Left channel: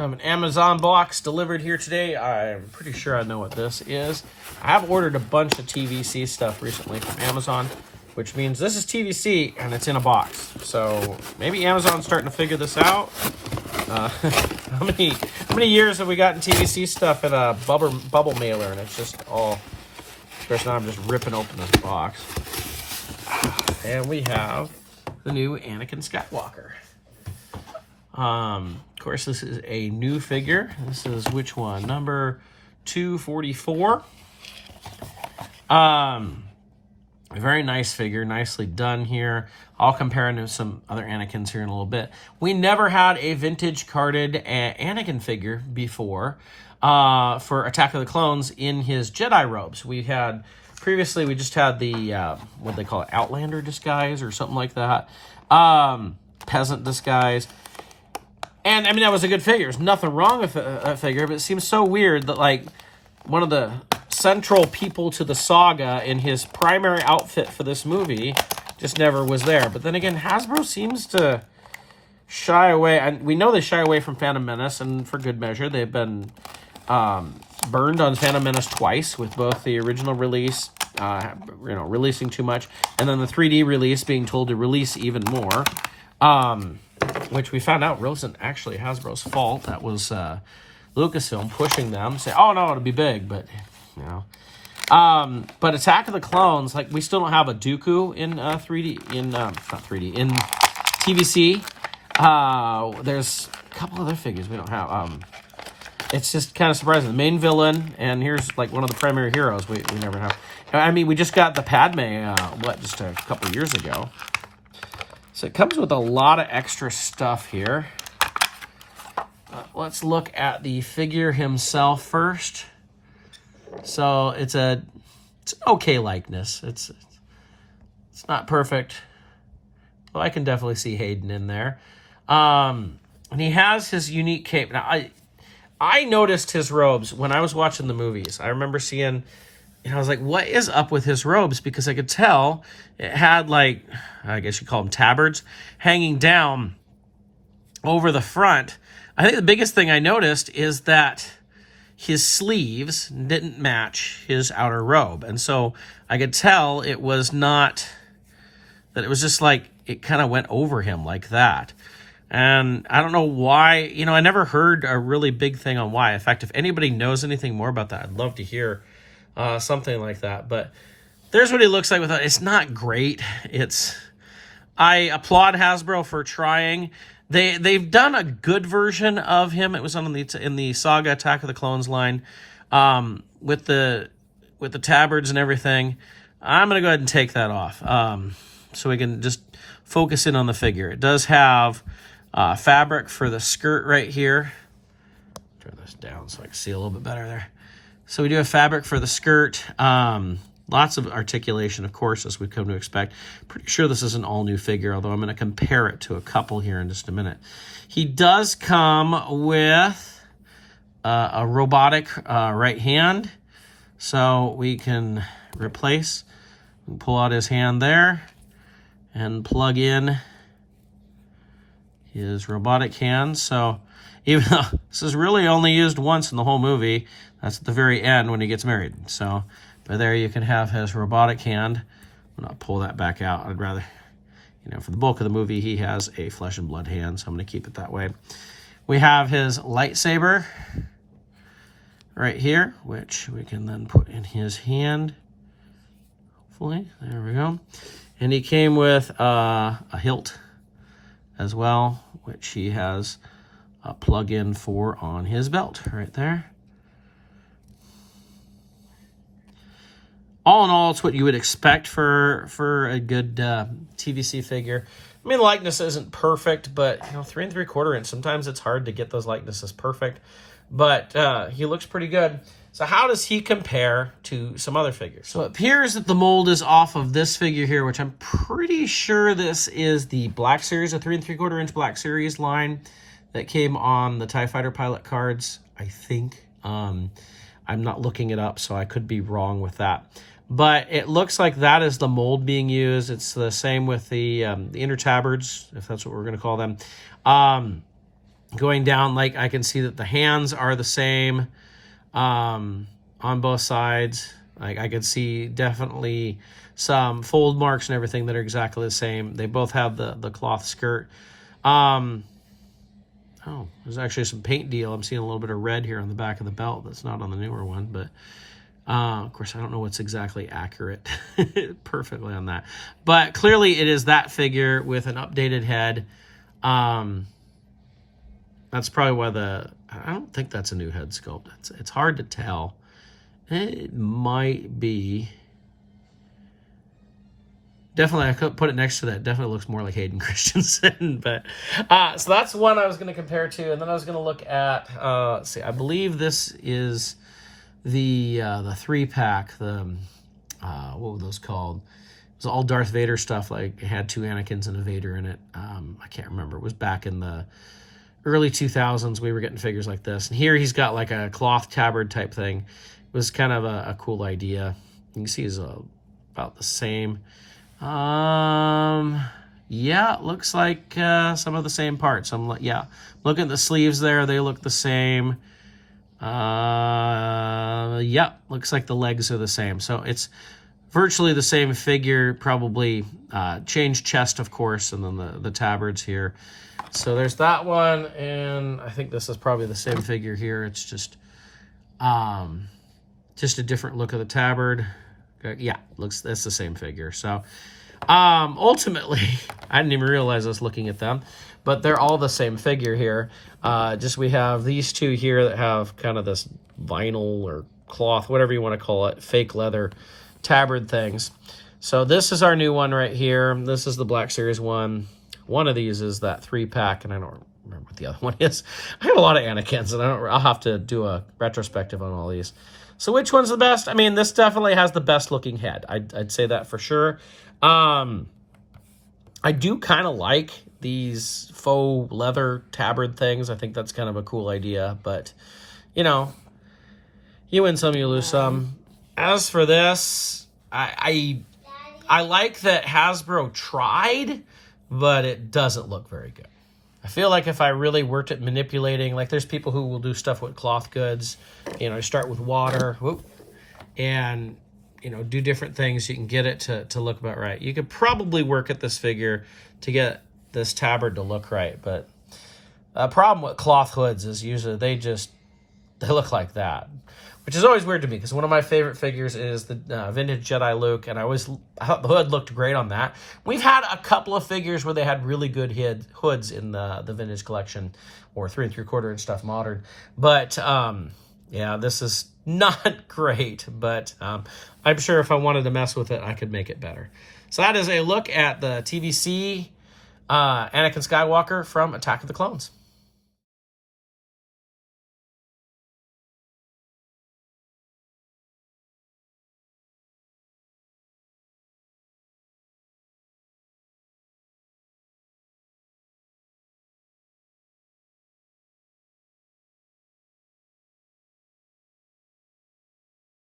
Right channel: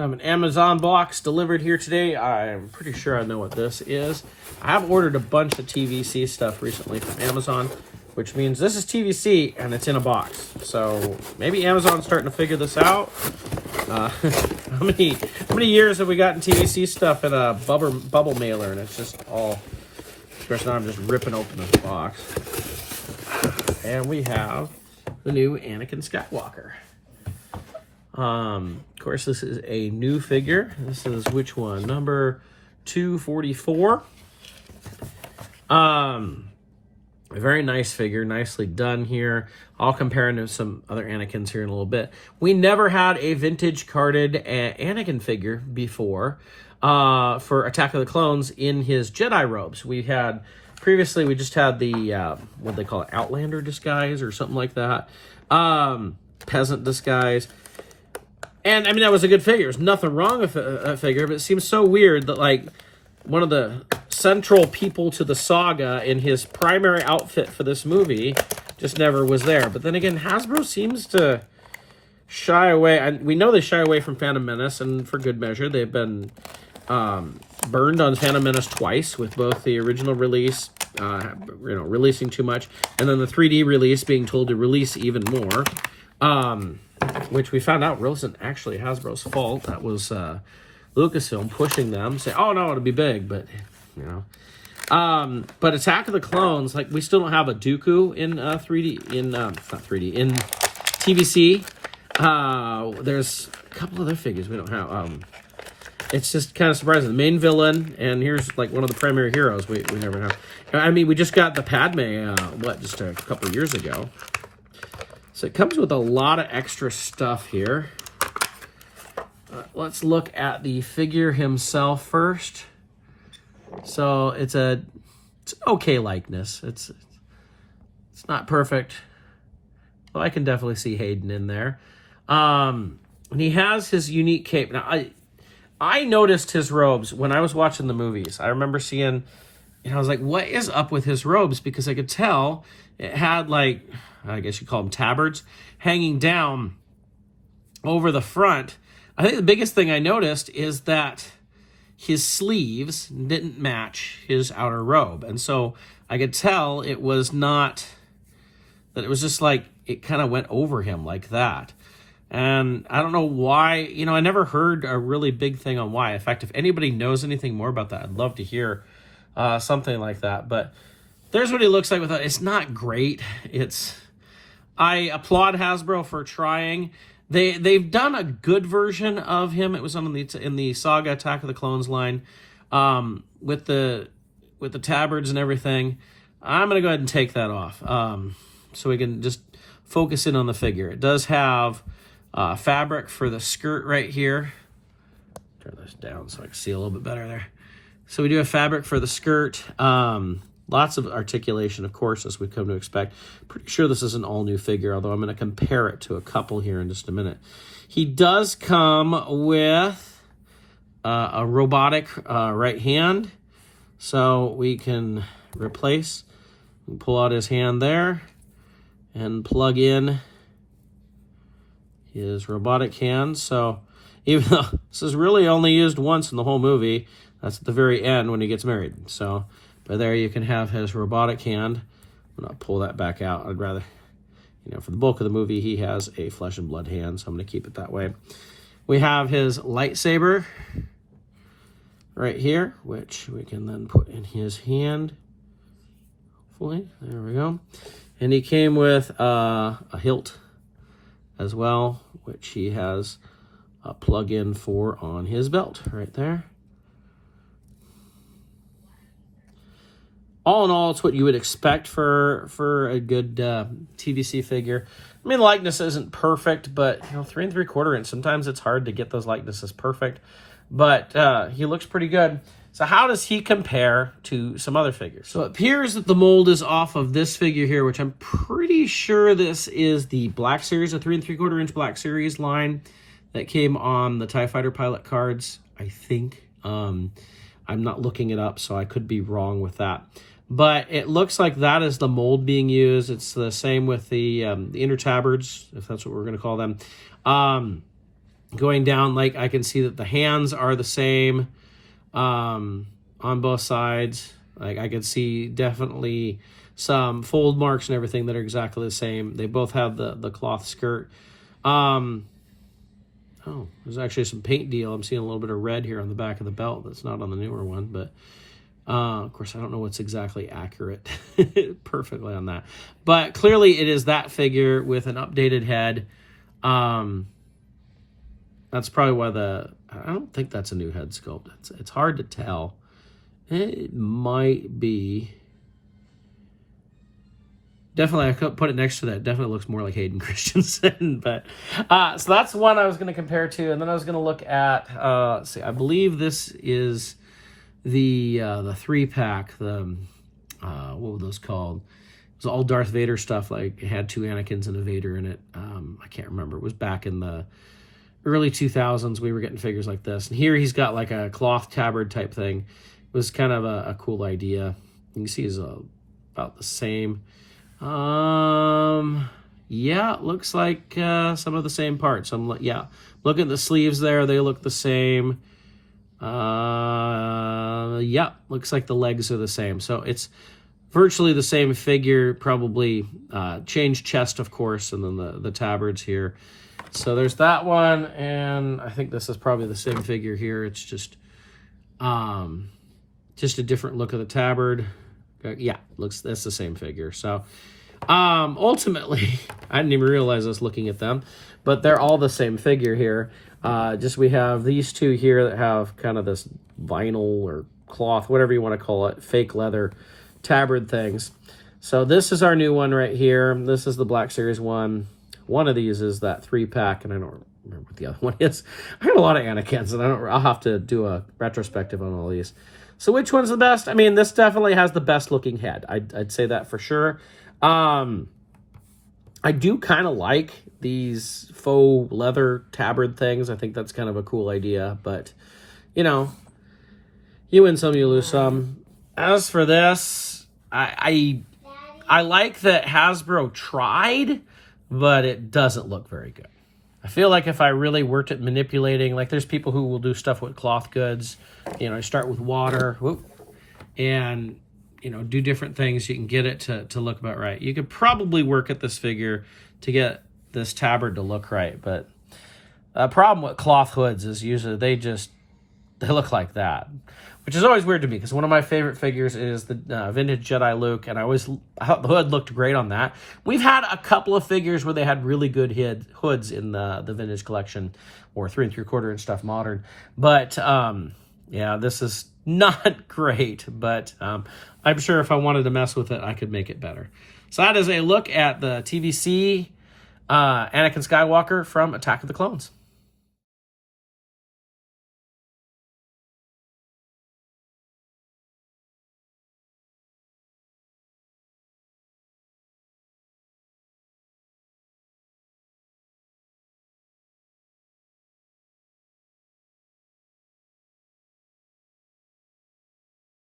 I have an Amazon box delivered here today. I'm pretty sure I know what this is. I have ordered a bunch of TVC stuff recently from Amazon, which means this is TVC and it's in a box. So maybe Amazon's starting to figure this out. How many years have we gotten TVC stuff in a bubble mailer, and it's just all. Of course, now I'm just ripping open this box, and we have the new Anakin Skywalker. Of course, this is a new figure. This is which one? Number 244. A very nice figure, nicely done here. I'll compare him to some other Anakins here in a little bit. We never had a vintage carded Anakin figure before for Attack of the Clones in his Jedi robes. We had previously, we just had the what they call it, Outlander disguise or something like that, peasant disguise. And I mean, that was a good figure. There's nothing wrong with a figure, but it seems so weird that like one of the central people to the saga in his primary outfit for this movie just never was there. But then again, Hasbro seems to shy away, and we know they shy away from Phantom Menace, and for good measure. They've been burned on Phantom Menace twice, with both the original release, releasing too much, and then the 3D release being told to release even more. Which we found out wasn't actually Hasbro's fault. That was Lucasfilm pushing them, saying, "Oh no, it'll be big," but you know. But Attack of the Clones, like we still don't have a Dooku in 3D not 3D in TVC. There's a couple other figures we don't have. It's just kind of surprising. The main villain, and here's like one of the primary heroes we never have. I mean, we just got the Padme just a couple of years ago. So it comes with a lot of extra stuff here. Let's look at the figure himself first. So it's okay likeness. It's not perfect. Well, I can definitely see Hayden in there. And he has his unique cape. Now I noticed his robes when I was watching the movies. I remember seeing, and I was like, what is up with his robes? Because I could tell it had like, I guess you call them tabards, hanging down over the front. I think the biggest thing I noticed is that his sleeves didn't match his outer robe. And so I could tell it was not, that it was just like, it kind of went over him like that. And I don't know why, I never heard a really big thing on why. In fact, if anybody knows anything more about that, I'd love to hear something like that. But there's what he looks like with it. It's not great. I applaud Hasbro for trying. They've done a good version of him. It was in the Saga Attack of the Clones line with the tabards and everything. I'm gonna go ahead and take that off so we can just focus in on the figure. It does have fabric for the skirt right here. Turn this down so I can see a little bit better there. So we do have fabric for the skirt. Lots of articulation, of course, as we've come to expect. Pretty sure this is an all-new figure, although I'm going to compare it to a couple here in just a minute. He does come with a robotic right hand, so we can replace and pull out his hand there and plug in his robotic hand. So even though this is really only used once in the whole movie, that's at the very end when he gets married. So, but there you can have his robotic hand. I'm going to pull that back out. I'd rather, for the bulk of the movie, he has a flesh and blood hand, so I'm going to keep it that way. We have his lightsaber right here, which we can then put in his hand. Hopefully, there we go. And he came with a hilt as well, which he has a plug-in for on his belt right there. All in all, it's what you would expect for a good TVC figure. I mean, likeness isn't perfect, but 3 3/4 inch. Sometimes it's hard to get those likenesses perfect, but he looks pretty good. So how does he compare to some other figures? So it appears that the mold is off of this figure here, which I'm pretty sure this is the Black Series, a 3 3/4 inch Black Series line that came on the TIE Fighter pilot cards, I think. I'm not looking it up, so I could be wrong with that. But it looks like that is the mold being used. It's the same with the inner tabards, if that's what we're going to call them. Going down, like I can see that the hands are the same on both sides. Like I can see definitely some fold marks and everything that are exactly the same. They both have the cloth skirt. Oh, there's actually some paint deal. I'm seeing a little bit of red here on the back of the belt. That's not on the newer one, but of course, I don't know what's exactly accurate perfectly on that. But clearly it is that figure with an updated head. That's probably why I don't think that's a new head sculpt. It's hard to tell. It might be. Definitely, I could put it next to that. Definitely looks more like Hayden Christensen. But so that's one I was going to compare to, and then I was going to look at. Let's see, I believe this is the 3-pack. The what were those called? It was all Darth Vader stuff. Like it had 2 Anakins and a Vader in it. I can't remember. It was back in the early 2000s. We were getting figures like this, and here he's got like a cloth tabard type thing. It was kind of a cool idea. You can see he's about the same. Yeah, it looks like some of the same parts. Yeah, look at the sleeves there; they look the same. Yeah, looks like the legs are the same. So it's virtually the same figure. Probably changed chest, of course, and then the tabards here. So there's that one, and I think this is probably the same figure here. It's just a different look of the tabard. Yeah, that's the same figure. So ultimately, I didn't even realize this looking at them, but they're all the same figure here. Just we have these two here that have kind of this vinyl or cloth, whatever you want to call it, fake leather tabard things. So this is our new one right here. This is the Black Series one. One of these is that 3-pack, and I don't remember what the other one is. I have a lot of Anakins, and I'll have to do a retrospective on all these. So which one's the best? I mean, this definitely has the best looking head. I'd say that for sure. I do kind of like these faux leather tabard things. I think that's kind of a cool idea, but you know, you win some, you lose some. As for this, I like that Hasbro tried, but it doesn't look very good. I feel like if I really worked at manipulating, like there's people who will do stuff with cloth goods, you know, start with water, and, you know, do different things. You can get it to look about right. You could probably work at this figure to get this tabard to look right, but the problem with cloth hoods is usually they look like that, which is always weird to me because one of my favorite figures is the vintage Jedi Luke, and I thought the hood looked great on that. We've had a couple of figures where they had really good hoods in the vintage collection, or 3 3/4 and stuff modern, but yeah, this is not great, but I'm sure if I wanted to mess with it, I could make it better. So that is a look at the TVC Anakin Skywalker from Attack of the Clones.